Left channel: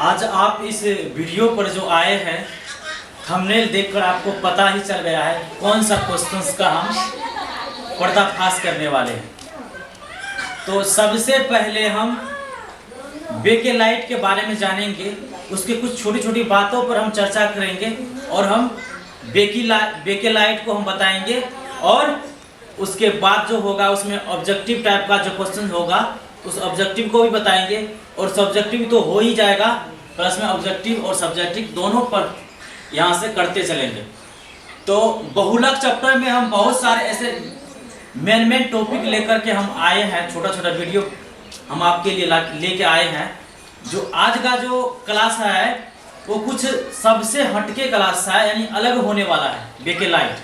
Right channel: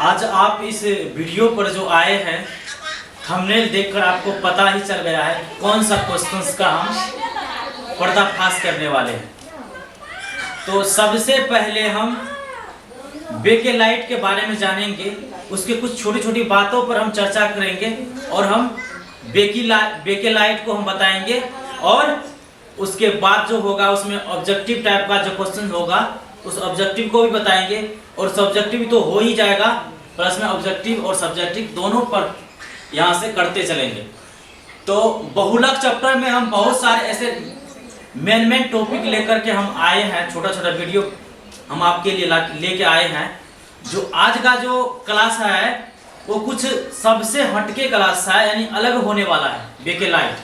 आज आप इस वीडियो पर जो आए हैं, थंबनेल देखकर आपको पता ही चल गया है कि कौन सा क्वेश्चंस का हम पर्दाफाश करने वाले हैं। तो सबसे पहले हम बेकेलाइट के बारे में जानेंगे, उसके कुछ छोटी छोटी बातों पर हम चर्चा करेंगे और हम बेकेलाइट को हम बताएंगे, और उसके बाद जो होगा उसमें ऑब्जेक्टिव टाइप का जो क्वेश्चन होगा उस ऑब्जेक्टिव को भी बताएंगे, और सब्जेक्टिव तो हो ही जाएगा, प्लस में ऑब्जेक्टिव और सब्जेक्टिव दोनों पर यहाँ से करते चलेंगे। तो बहुलक चैप्टर में हम बहुत सारे ऐसे मेन टॉपिक लेकर के हम आए हैं, छोटा छोटा वीडियो हम आपके लिए लेके आए हैं। जो आज का जो क्लास है वो कुछ सबसे हटके क्लास है, यानी अलग होने वाला है। बेकेलाइट,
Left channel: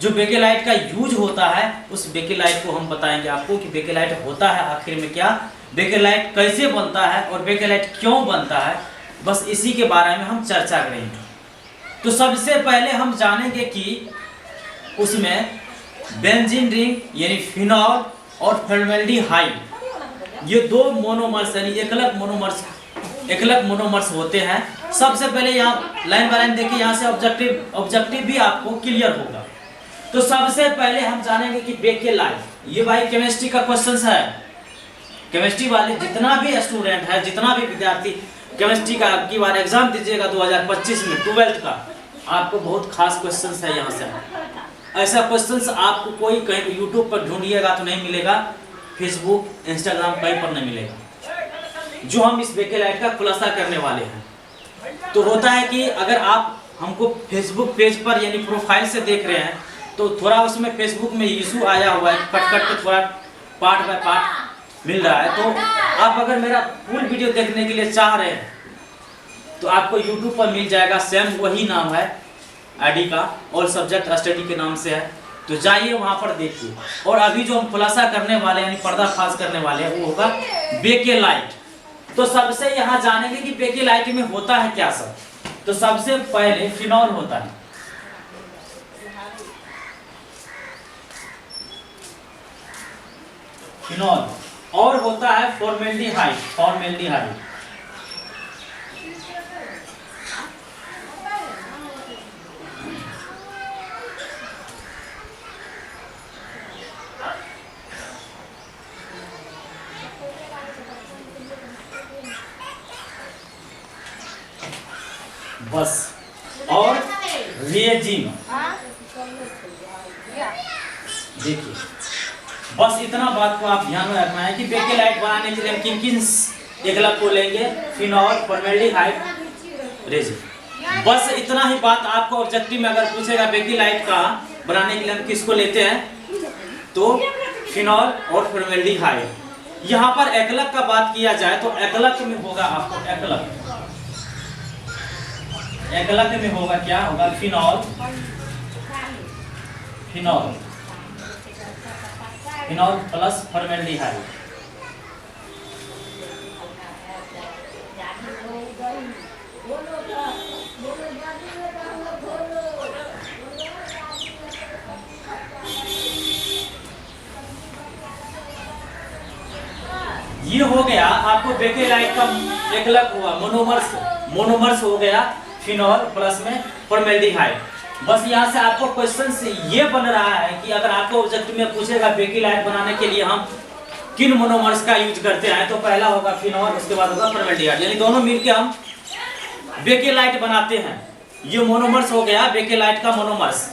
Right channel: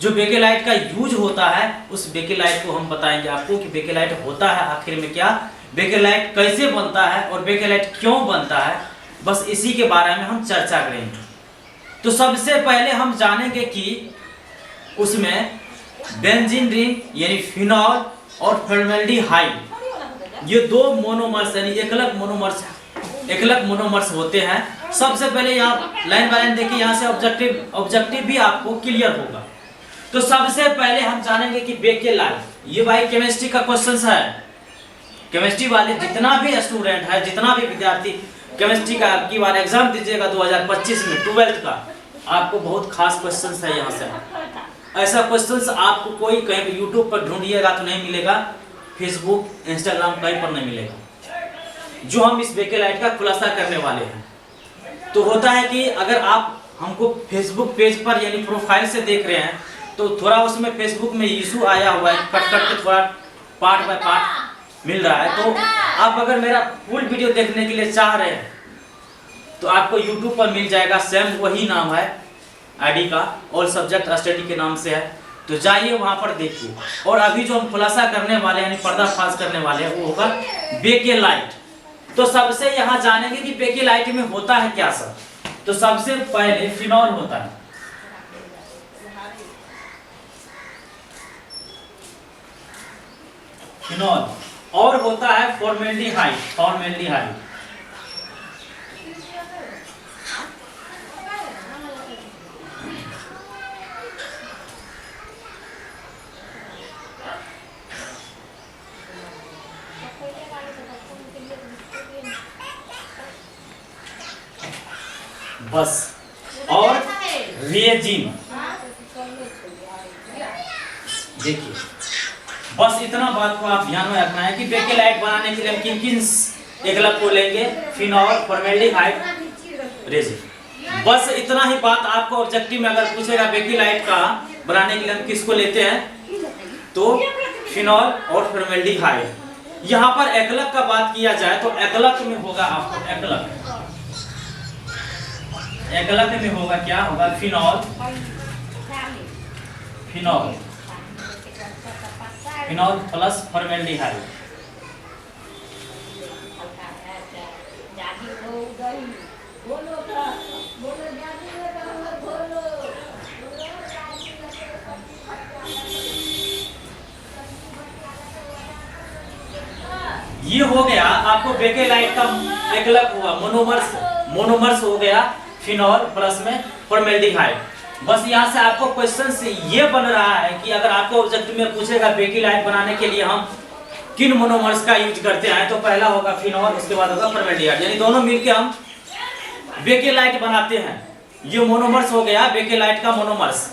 जो बेकेलाइट का यूज होता है उस बेकेलाइट को हम बताएंगे आपको कि बेकेलाइट होता है आखिर में क्या, बेकेलाइट कैसे बनता है और बेकेलाइट क्यों बनता है, बस इसी के बारे में हम चर्चा करेंगे। तो सबसे पहले हम जानेंगे कि उसमें बेंजीन रिंग यानी फिनॉल और फॉर्मेल्डिहाइड, ये दो मोनोमर्स यानी एकलक मोनोमर्स होते हैं। सबसे पहले यहाँ लाइन बाय लाइन देखिए, यहाँ से ऑब्जेक्टिव भी आपको क्लियर होगा। तो सबसे पहले हम जानेंगे कि बेकेलाइट, ये भाई केमिस्ट्री का क्वेश्चन है। केमिस्ट्री वाले जितना भी स्टूडेंट है, जितना भी विद्यार्थी केमिस्ट्री का की बार एग्जाम दीजिएगा 2025 में 12th का, आपको बहुत खास क्वेश्चंस है यहाँ से। ऐसा क्वेश्चंस आपको कोई कहीं भी यूट्यूब पर ढूंढिएगा तो नहीं मिलेगा, फेसबुक इंस्टाग्राम कहीं पर नहीं मिलेगा, जो हम इस बेकेलाइट का खुलासा करने वाले हैं। तो होता है कि अगर आप हमको फेसबुक पेज पर यानी प्रोफाइल से देख रहे हैं तो थोड़ा उसमें फेसबुक में इशू आया हुआ है, कट के थोड़ा पार्ट बाय पार्ट मिल रहा है। तो आप अगर मेरा फुल वीडियो देखने के लिए चाह रहे हैं तो आपको यूट्यूब पर मिल जाएगा, सेम वही नाम है आईडी का, और सब्जेक्ट स्टडी के नाम से है, तो जाइए वहां पर देखिए। और अभी जो हम खुलासा करने वाले हैं यानी पर्दाफाश करने वाले हैं वो होगा बेकेलाइट। तो सबसे यहाँ जानेंगे कि बेकेलाइट में होता है क्या सर। तो सबसे पहले फिनॉल होता है, फिनॉल, और होता है फॉर्मेल्डिहाइड। बस, और रेजिन। देखिए बस इतना बात को आप ध्यान में रखना है कि बेकेलाइट बनाने के लिए हम किन एकलक को लेंगे, फिनॉल, फॉर्मेल्डिहाइड, रेजिन। बस इतना ही बात आपको ऑब्जेक्टिव में अगर पूछेगा बेकेलाइट का बनाने के लिए हम किसको लेते हैं, तो फिनॉल और फॉर्मेल्डिहाइड। यहाँ पर एकलक का बात किया जाए तो एकलक में होगा आपको एकलक में होगा क्या होगा, फिनॉल प्लस फॉर्मेल्डिहाइड। ये हो गया आपको बेकेलाइट का एकलक हुआ, मोनोमर्स हो गया फिनॉल प्लस में फॉर्मेल्डिहाइड। बस यहाँ से आपको क्वेश्चन ये बन रहा है कि अगर आपको ऑब्जेक्टिव में पूछेगा बेकेलाइट बनाने के लिए हम किन मोनोमर्स का यूज करते हैं, तो पहला होगा फिनॉल, उसके बाद होगा फॉर्मेल्डिहाइड, यानी दोनों मिलके हम बेकेलाइट बनाते हैं। ये मोनोमर्स हो गया बेकेलाइट का मोनोमर्स।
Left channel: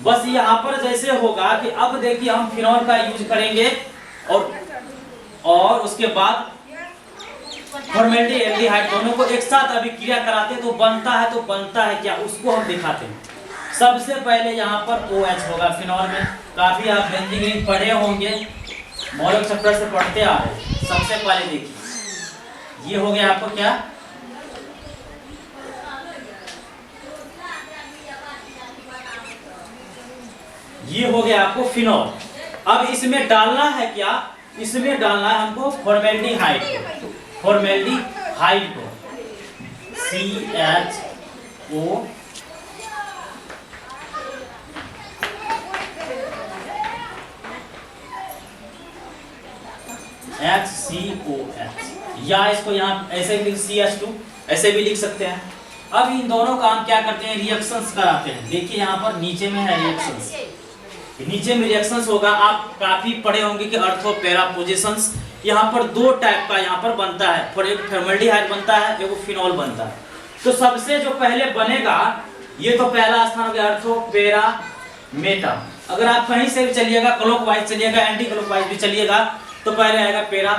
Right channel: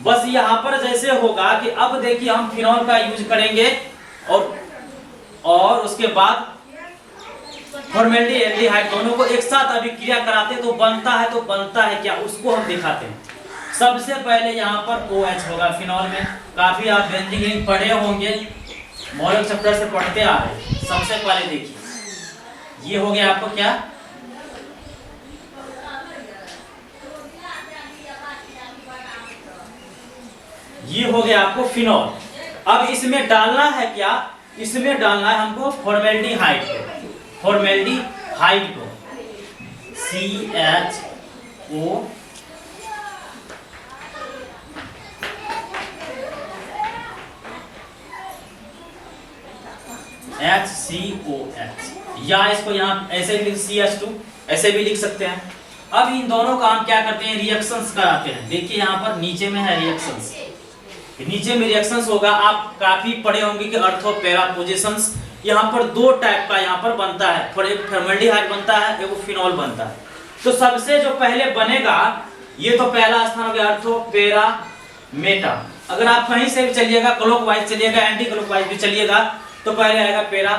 बस यहाँ पर जैसे होगा कि अब देखिए हम फिनॉल का यूज करेंगे और उसके बाद फॉर्मेल्डिहाइड, दोनों को एक साथ अभी क्रिया कराते तो बनता है क्या, उसको हम दिखाते हैं। सबसे पहले यहाँ पर OH होगा फिनॉल में। काफी आप बेंजीन रिंग पढ़े होंगे, मॉडल चैप्टर से पढ़ते आ रहे हैं। सबसे पहले देखिए ये हो गया आपको क्या, ये हो गया आपको फिनॉल। अब इसमें डालना है क्या, इसमें डालना है हमको फॉर्मेल्डिहाइड को, CHO HCOH, या इसको यहाँ ऐसे भी CH2 ऐसे भी लिख सकते हैं। अब इन दोनों का हम क्या करते हैं, रिएक्शंस कराते हैं। देखिए यहाँ पर नीचे में है रिएक्शंस, नीचे में रिएक्शंस होगा। आप काफी पढ़े होंगे कि अर्थो पैरा पोजीशंस, यहाँ पर दो टाइप का यहाँ पर बनता है, और एक फॉर्मल्डिहाइड बनता है, एक फिनॉल बनता है। तो सबसे जो पहले बनेगा, ये तो पहला स्थान हो गया अर्थो पैरा मेटा। अगर आप कहीं से भी चलिएगा, क्लॉकवाइज चलिएगा, एंटी क्लॉकवाइज भी चलिएगा, तो पहले आएगा पैरा,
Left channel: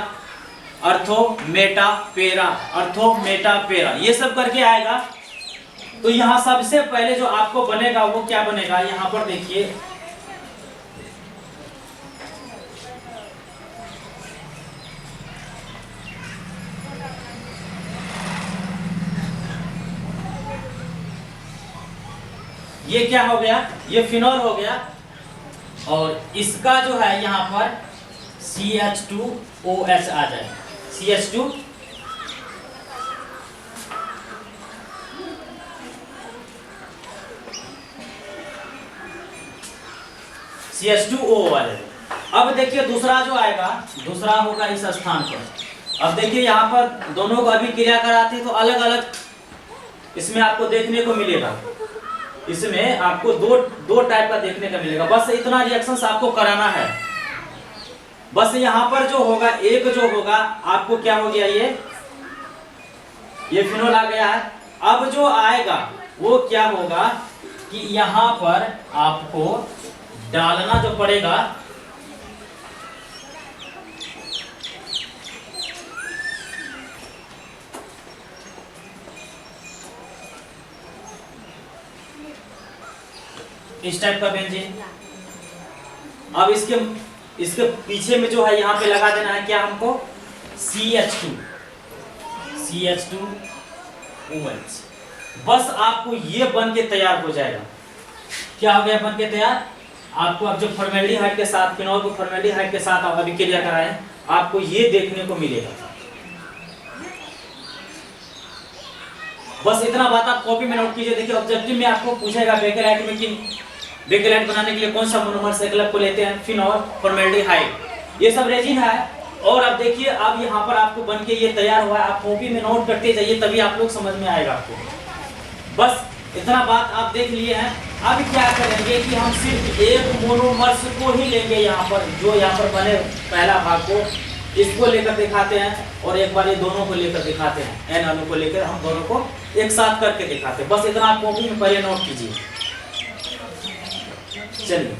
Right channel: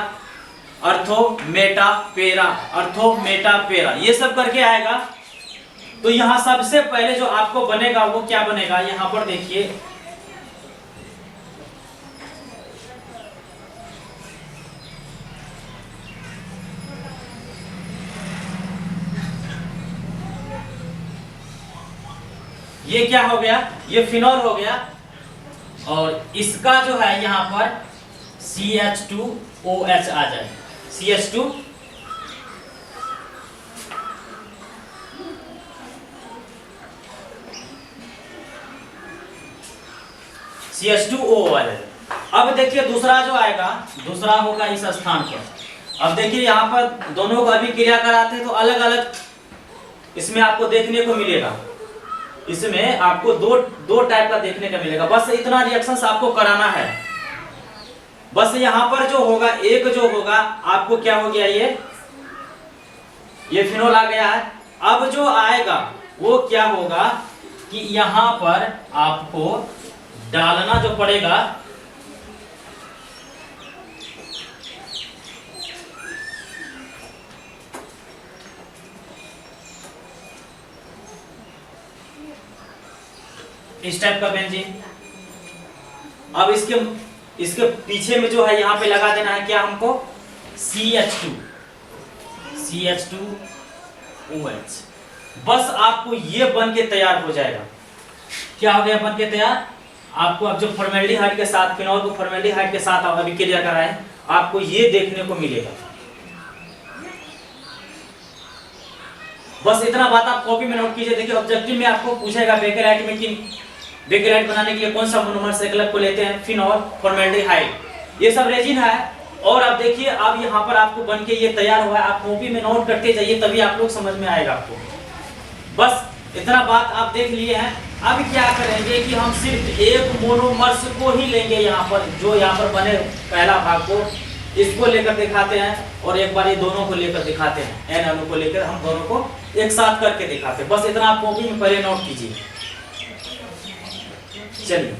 अर्थो मेटा पैरा, अर्थो मेटा पैरा, ये सब करके आएगा। तो यहाँ सबसे पहले जो आपको बनेगा वो क्या बनेगा, यहाँ पर देखिए ये क्या हो गया, ये फिनॉल हो गया, और इसका जो है यहाँ पर CH2OH आ जाए, CH2 CH2O आ जाए। अब देखिए दूसरा जो आएगा, दूसरा होगा इस स्थान पर। अब देखिए यहाँ पर दोनों को अभी क्रिया कराते हैं तो अलग अलग इसमें आपको देखने को मिलेगा। इसमें आपको दो टाइप का देखने का मिलेगा। बस इतना रिएक्शंस आपको कराना है। बस यहाँ पर जो होगा, एक जो होगा आपको क्या हो गया, ये फिनोल आ गया है। अब जो आएगा वो क्या होगा कि यहाँ पर आपको डालना जो पड़ेगा इस टाइप का बेंजीन। अब इसके पीछे में जो है यहाँ पे लगा देना है क्या हमको, CH2OH। बस आपको ये बन के तैयार हो जाएगा। क्या हो गया बन के तैयार। आपको अब जो फॉर्मेल्डिहाइड के साथ, फिनॉल को फॉर्मेल्डिहाइड के साथ आप अभी क्रिया कराएं, आपको ये देखने को मिलेगा। बस इतना बात आप कॉपी में नोट कीजिए। देखिए ऑब्जेक्टिव में आपको पूछेगा बेकेलाइट में कि बेकेलाइट बनाने के लिए कौन सा मोनोमर संकलक को लेते हैं, फिनॉल, फॉर्मेल्डिहाइड, ये सब रेजिन है। और अब देखिए अब यहाँ पर आपको बन के ये तैयार हुआ है। आप कॉपी में नोट करते जाइए, तभी आप लोग समझ में आएगा आपको। बस इतना बात आप देख लिए हैं। अब क्या करेंगे कि हम सिर्फ एक मोनोमर्स को ही लेंगे, यहाँ पर जो यहाँ पर बने पहला भाग को, इसको लेकर दिखाते हैं, और एक बार ये दोनों को लेकर दिखाते हैं, एन अणु को लेकर हम दोनों को एक साथ करके दिखाते हैं। बस इतना आप कॉपी में पहले नोट कीजिए। चलिए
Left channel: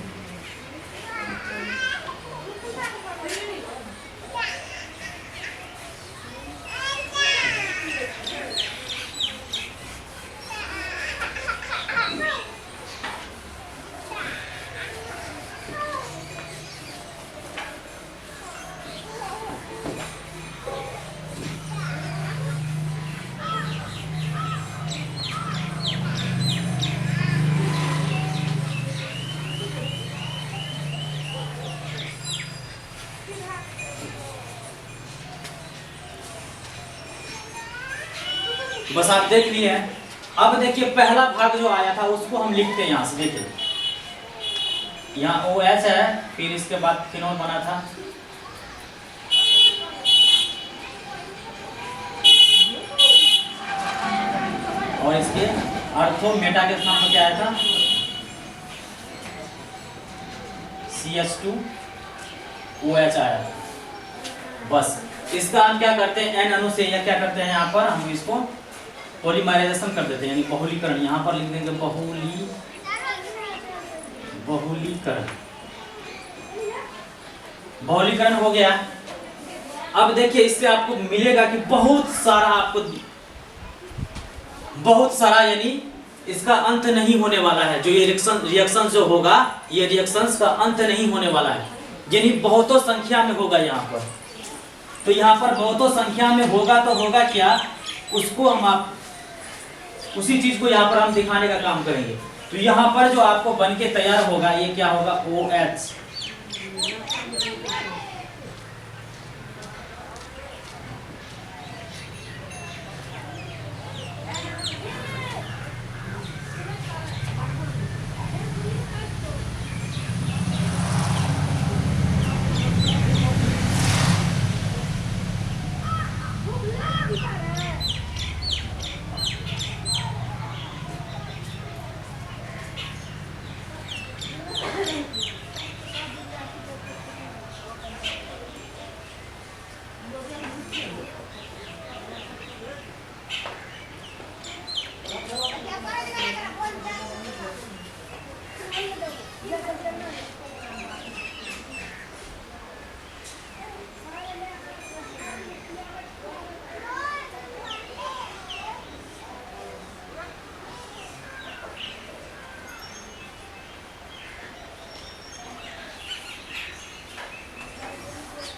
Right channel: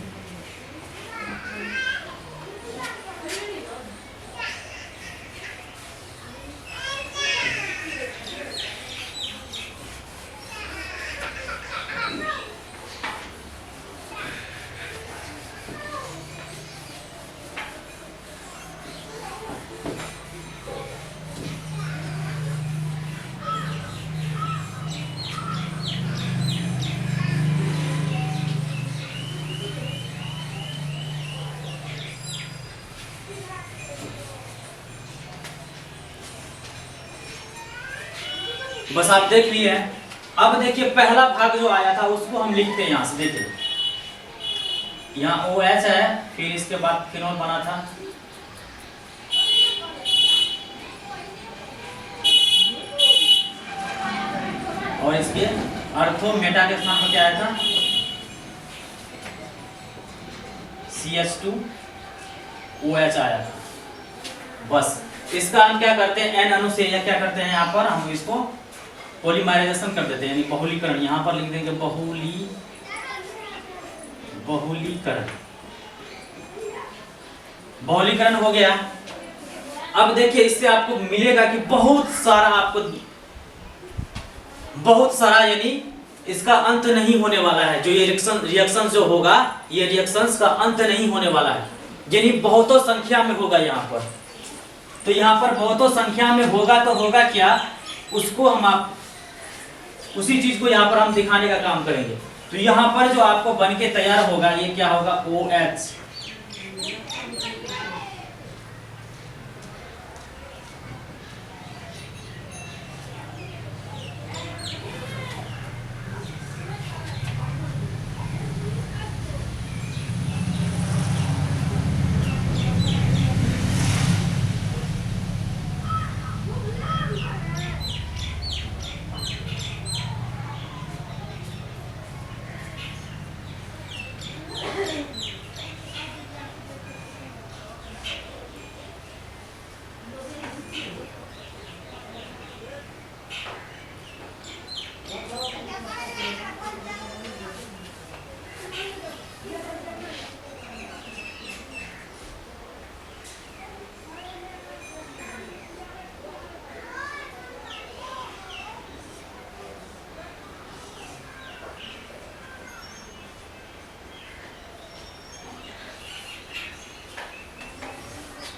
बस आप देख लिए हैं। अब देखिए पहला भाग जो आया था उसको हम लिखते हैं यहाँ से। देखिए यहाँ OH है, फिर इसके बाद फिनॉल बना था, और इसके अर्थो मेटा के स्थान पर क्या आया था, CH2OH आया था। बस इसका हम क्या करते हैं, एन अणु से या क्या करते हैं, यहाँ पर हम इसको पॉलीमराइजेशन कर देते हैं, यानी बहुलीकरण। यहाँ पर लिख देंगे बहुलीकरण। बहुलीकरण हो गया। अब देखिए इससे आपको मिलेगा कि बहुत सारा यानी इसका अंत नहीं होने वाला है। जो ये रिएक्शन जो होगा, ये रिएक्शंस का अंत नहीं होने वाला है, यानी बहुतों संख्या में होगा यहाँ पर। तो यहाँ पर बहुतों संख्या में होगा तो होगा क्या, उसको हम उसी चीज को यहाँ पर हम दिखाने का काम करेंगे। तो यहाँ पर जो आपको बन के तैयार होगा, ये क्या होगा, OH।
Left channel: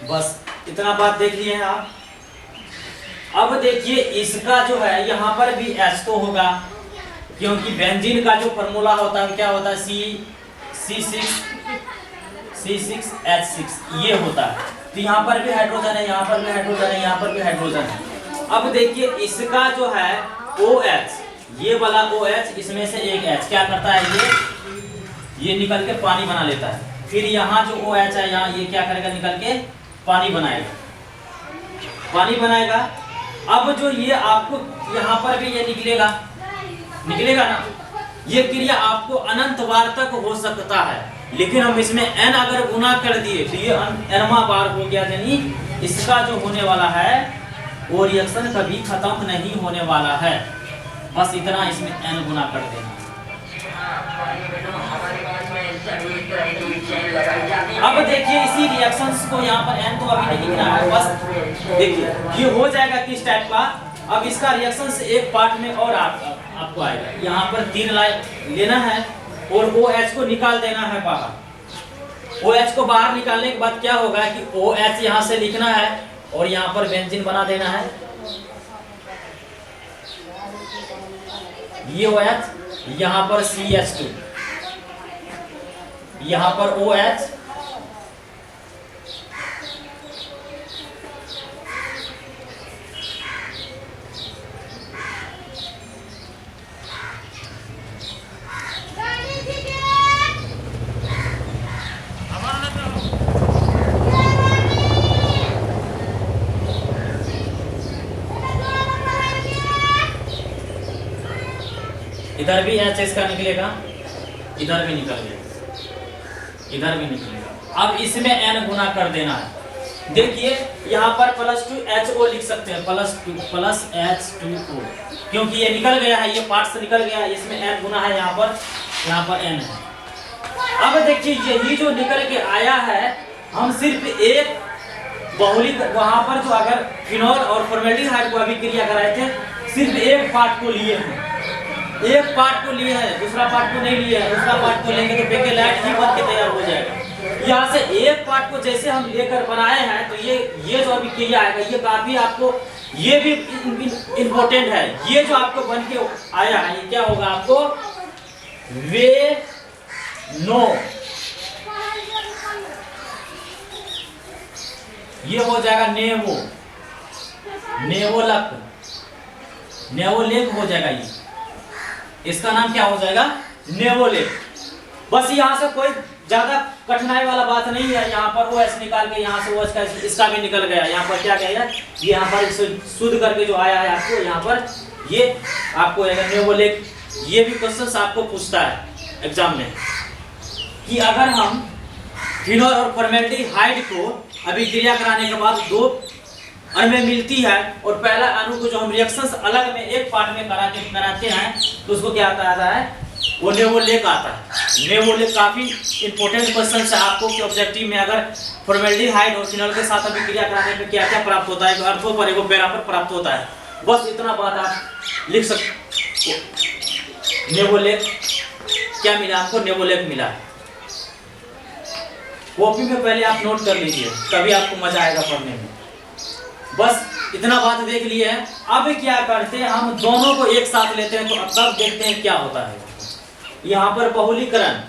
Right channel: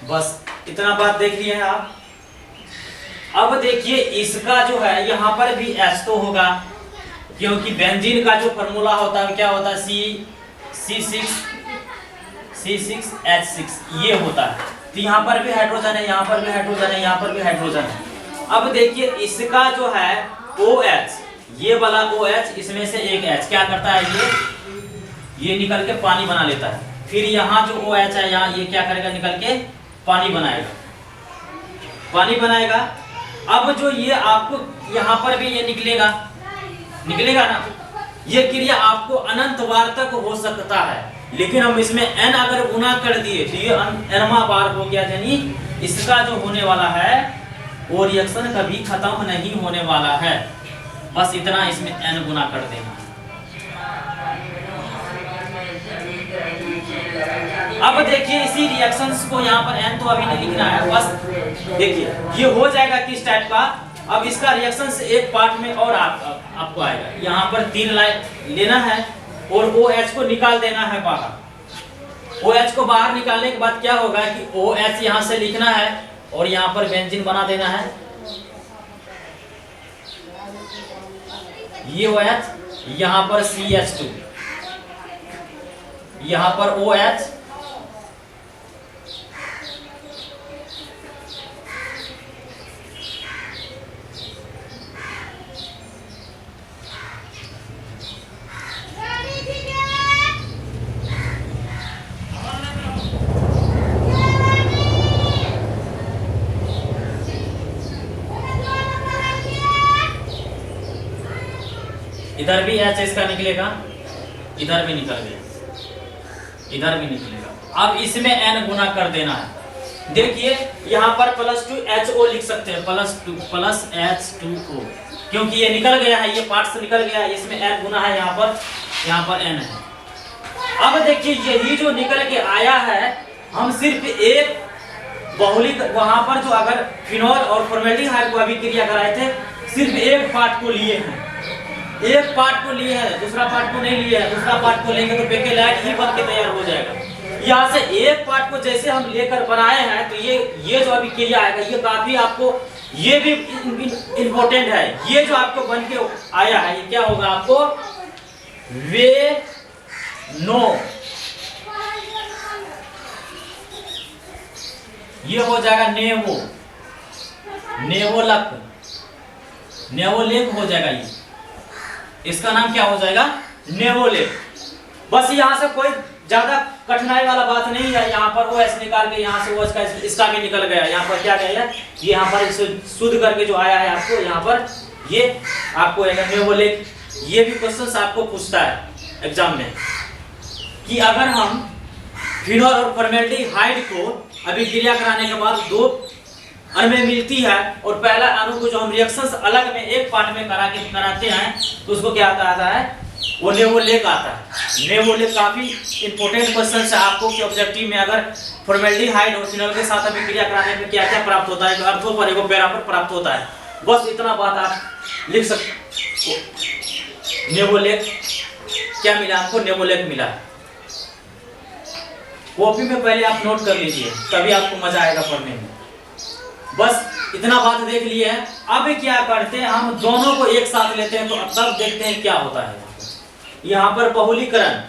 बस इतना बात देख लिए हैं आप। अब देखिए इसका जो है यहाँ पर भी H तो होगा, क्योंकि बेंजीन का जो फॉर्मूला होता है क्या होता है, C6H6 ये होता है। तो यहाँ पर भी हाइड्रोजन है, यहाँ पर भी हाइड्रोजन है, यहाँ पर भी हाइड्रोजन है। अब देखिए इसका जो है OH, ये वाला OH, इसमें से एक H क्या करता है, ये निकल के पानी बना लेता है। फिर यहाँ जो OH है यहाँ, ये क्या करेगा, निकल के पानी बनाएगा। अब जो ये आपको यहाँ पर भी ये निकलेगा ना, ये क्रिया आपको अनंत बार तक हो सकता है, लेकिन हम इसमें n अगर गुना कर दिए तो ये nवां बार हो गया, यानी इसका जो होने वाला है वो रिएक्शन कभी खत्म नहीं होने वाला है। बस इतना इसमें n गुना कर देना। अब देखिए इसी रिएक्शंस को यहाँ पर n तो अभी नहीं लिखना है, बस देखिए ये हो जाएगा किस टाइप का। अब इसका रिएक्शन से एक पार्ट में और आपको आएगा, यहाँ पर 3 लाइन लेना है और OH को निकाल देना है बाहर। OH को बाहर निकालने के बाद क्या होगा कि OH यहाँ से लिखना है और यहाँ पर बेंजीन बना देना है। ये OH, यहाँ पर CH2, यहाँ पर OH, इधर भी H इसका निकलेगा, इधर भी निकल गया, इधर भी निकलेगा। अब इसमें n गुना कर देना है। देखिए यहाँ पर +2HO लिख सकते हैं, प्लस H2O, क्योंकि ये निकल गया है, ये पार्ट से निकल गया है, इसमें n गुना है, यहाँ पर n है। अब देखिए यही जो निकल के आया है, हम सिर्फ एक बहुलिक, वहां पर जो अगर फिनॉल और फॉर्मेल्डिहाइड को अभी क्रिया कराए थे, सिर्फ एक पार्ट को लिए हैं, एक पार्ट को लिए हैं, दूसरा पार्ट को नहीं लिए हैं। दूसरा पार्ट को लेंगे तो बेकेलाइट ही बन के तैयार हो जाएगा। यहाँ से एक पार्ट को जैसे हम लेकर बनाए हैं, तो ये जो अभी क्रिया आएगा, ये काफी आपको, ये भी इम्पोर्टेंट है। ये जो आपको बन के आया है, ये क्या होगा आपको, वे नो, ये हो जाएगा नेवोलेक हो जाएगा। ये इसका नाम क्या हो जाएगा, नेवोलेक। बस यहाँ से कोई ज्यादा कठिनाई वाला बात नहीं है। यहाँ पर OH निकाल के यहाँ से OH का इसका भी निकल गया। यहाँ पर क्या गया, ये यहाँ पर शुद्ध करके जो आया है आपको, यहाँ पर ये आपको नेवोलेक। ये भी क्वेश्चन आपको पूछता है एग्जाम में कि अगर हम फिनॉल और फॉर्मेल्डिहाइड को अभी क्रिया कराने के बाद 2 अणु में मिलती है, और पहला अणु को जो हम रिएक्शंस अलग में एक पार्ट में कराते हैं, तो उसको क्या आता है, वो नेवोलेक आता है। नेवोलेक काफी इंपॉर्टेंट क्वेश्चन है आपको कि ऑब्जेक्टिव में अगर फॉर्मेल्डिहाइड और फिनॉल के साथ अभी क्रिया कराने में क्या क्या प्राप्त होता है, तो अर्थों पर एगो पैरा पर प्राप्त होता है। बस इतना बात आप लिख सकते। नेवोलेक क्या मिला आपको, नेवोलेक मिला। कॉपी में पहले आप नोट कर लीजिए, तभी आपको मजा आएगा पढ़ने में। बस इतना बात देख लिए है। अब क्या करते हैं, हम दोनों को एक साथ लेते हैं, तो अब तब देखते हैं क्या होता है। यहाँ पर बहुलीकरण,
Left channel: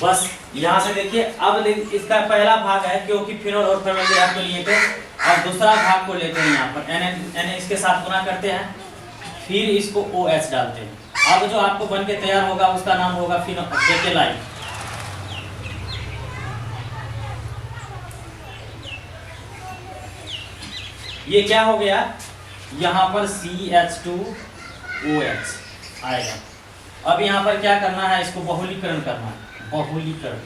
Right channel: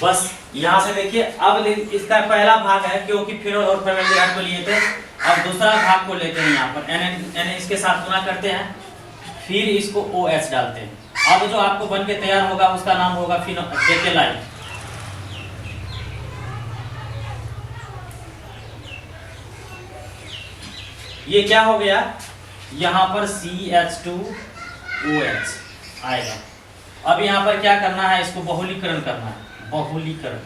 बस यहाँ से देखिए। अब इसका पहला भाग है, क्योंकि फिनॉल और फॉर्मेल्डिहाइड को लिए थे। अब दूसरा भाग को लेते हैं, यहाँ पर n इसके साथ गुना करते हैं, फिर इसको OH डालते हैं। अब जो आपको बन के तैयार होगा उसका नाम होगा बेकेलाइट। ये क्या हो गया, यहाँ पर CH2OH आएगा। अब यहाँ पर क्या करना है, इसको बहुलीकरण करना है, बहुलीकरण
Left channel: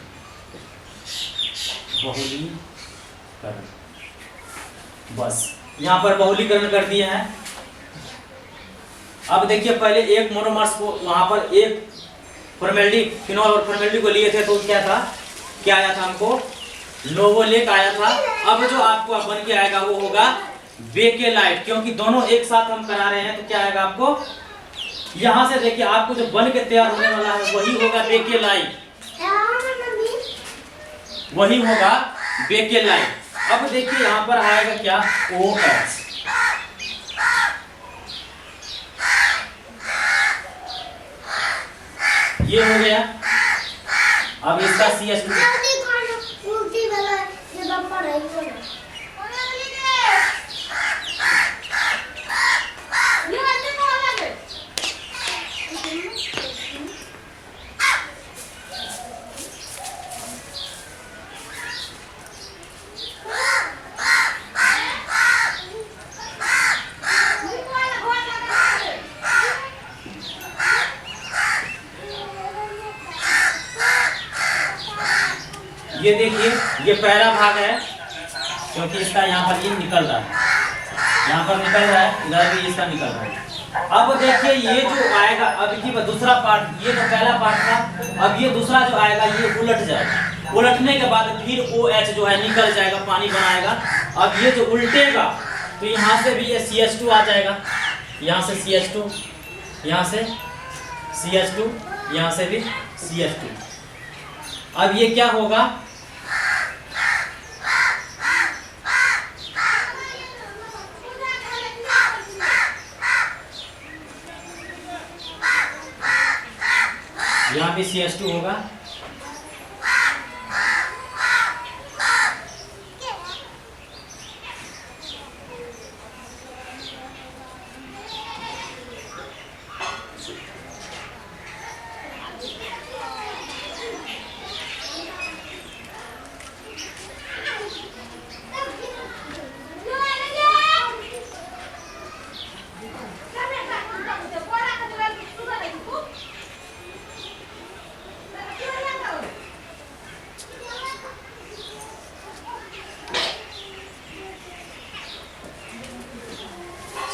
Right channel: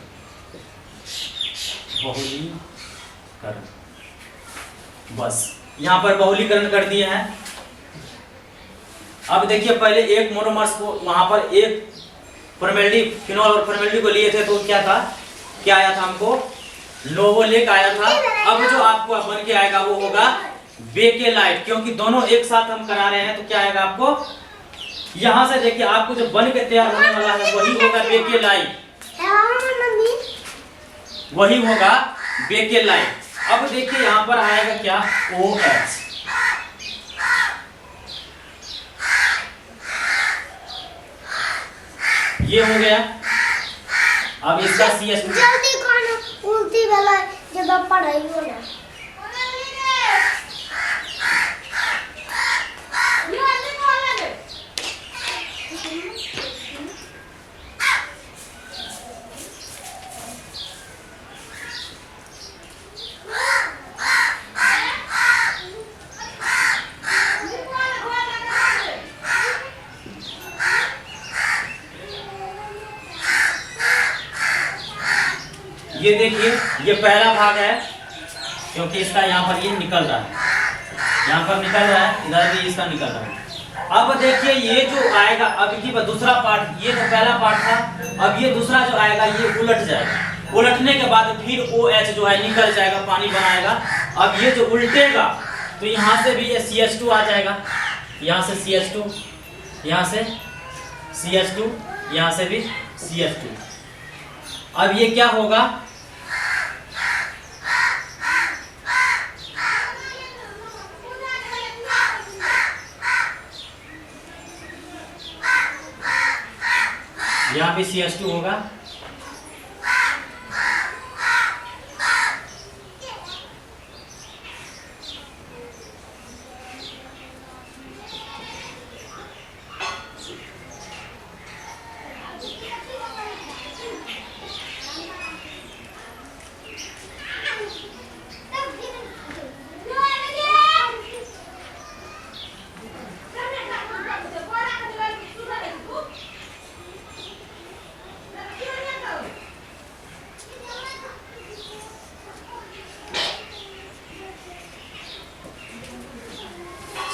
बस यहाँ पर बहुलीकरण कर दिए हैं। अब देखिए पहले एक मोनोमर्स को वहां पर एक फॉर्मेल्डिहाइड फिनोल और फॉर्मेल्डिहाइड को लिए थे तो क्या था, क्या आया था हमको, नोवोलेक आया था। अब जो आपको बन के आएगा वो होगा बेकेलाइट, क्योंकि दोनों एक साथ हम करा रहे हैं तो क्या आएगा आपको, यहां से देखिए आपको जो बन के तैयार होने वाला है वही होगा बेकेलाइट, वही होगा बेकेलाइट। अब देखिए यहां पर आएगा क्या, OH। ये हो गया। अब इसका CH2 ये देखिए ये पहला भाग है, क्योंकि इसका यहाँ पर ये निकल रहा है, यहाँ पर निकल रहा है, इधर भी इसका निकल रहा है। अब देखिए ये जो आएगा अब की दूसरा पार्ट, ये तो पहला पार्ट था, अब ये दूसरा जो आएगा ये उलट जाएगा, उलटने के बाद फिर OH जो है निकल जाएगा, पानी बनाएगा। अब ये जो उल्टेगा तो यहाँ से भी ये CH2 आ जाएगा, यहाँ से CH2, यहाँ से CH2, यहाँ से भी CH2। अब ये क्या होगा, यहाँ भी CH2 होगा,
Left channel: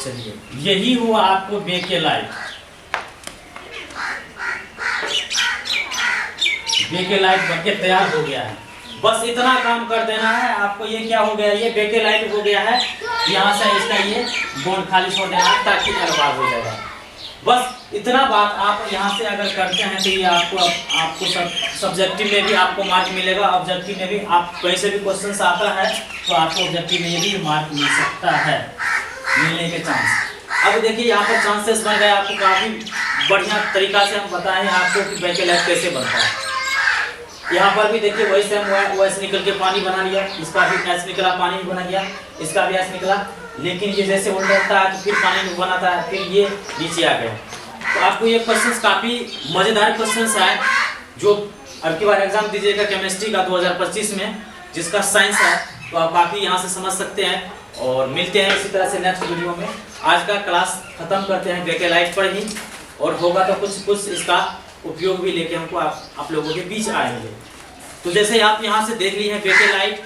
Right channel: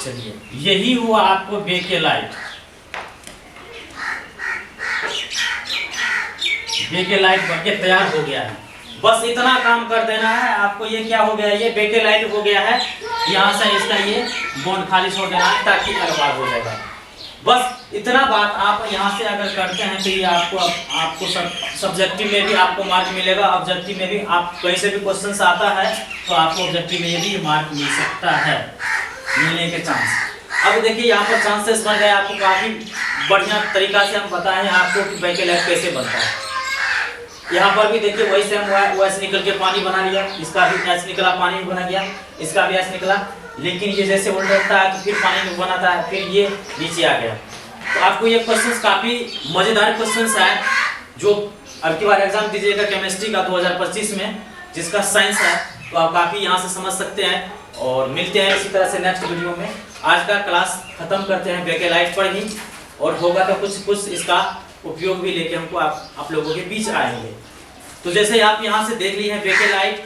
चलिए यही हुआ आपको बेकेलाइट। बेकेलाइट बनके तैयार हो गया है, बस इतना काम कर देना है आपको। ये क्या हो गया, ये बेकेलाइट हो गया है। यहाँ से इसका ये बॉन्ड खाली छोड़ देना है ताकि अलग हो जाएगा। बस इतना बात आप यहाँ से अगर करते हैं तो ये आपको सब्जेक्टिव में भी आपको मार्क मिलेगा, ऑब्जेक्टिव में भी आप कहीं से भी क्वेश्चन आता है तो आपको ऑब्जेक्टिव में भी मार्क मिल सकता है, मिलने के चांस। अब देखिए यहाँ पर चांसेस बन गए, आपको काफी बढ़िया तरीका से हम बताए हैं आपको कि बेकेलाइट कैसे बनता है। यहाँ पर भी देखिए वही सेम OH निकल के पानी बना लिया, इसका भी H निकला, पानी भी बना गया, इसका भी H निकला, लेकिन ये जैसे उल्टा है तो फिर पानी में बनाता है, फिर ये नीचे आ गया। तो आपको ये क्वेश्चंस काफी मजेदार क्वेश्चंस है, जो अब की बार एग्जाम दीजिएगा केमिस्ट्री का 2025 में, जिसका साइंस है, तो आप काफी यहाँ से समझ सकते हैं। और मिलते हैं इसी तरह से नेक्स्ट वीडियो में। आज का क्लास खत्म करते हैं बेकेलाइट पर ही, और होगा तो कुछ इसका उपयोग भी लेके हमको आप लोगों के बीच आएंगे। तो जैसे आप यहाँ से देख लिए हैं बेकेलाइट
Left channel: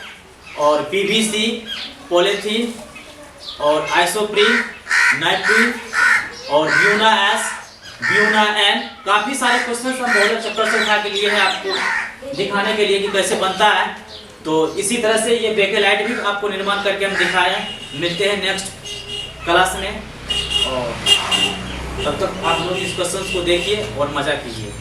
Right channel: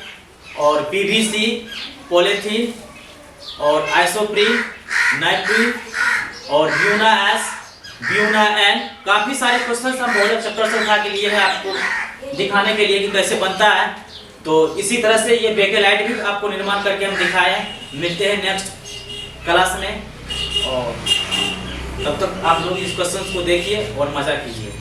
और PVC, पॉलीथीन और आइसोप्रीन, नाइट्रीन और ब्यूना S, ब्यूना N, काफी सारे क्वेश्चन हम बहुत चैप्टर से उठा के लिए हैं आपको दिखाने के लिए कि कैसे बनता है। तो इसी तरह से ये बेकेलाइट भी आपको निर्माण करके हम दिखाए। मिलते हैं नेक्स्ट क्लास में, और तब तक आप लोग इस क्वेश्चन को देखिए और मजा कीजिए।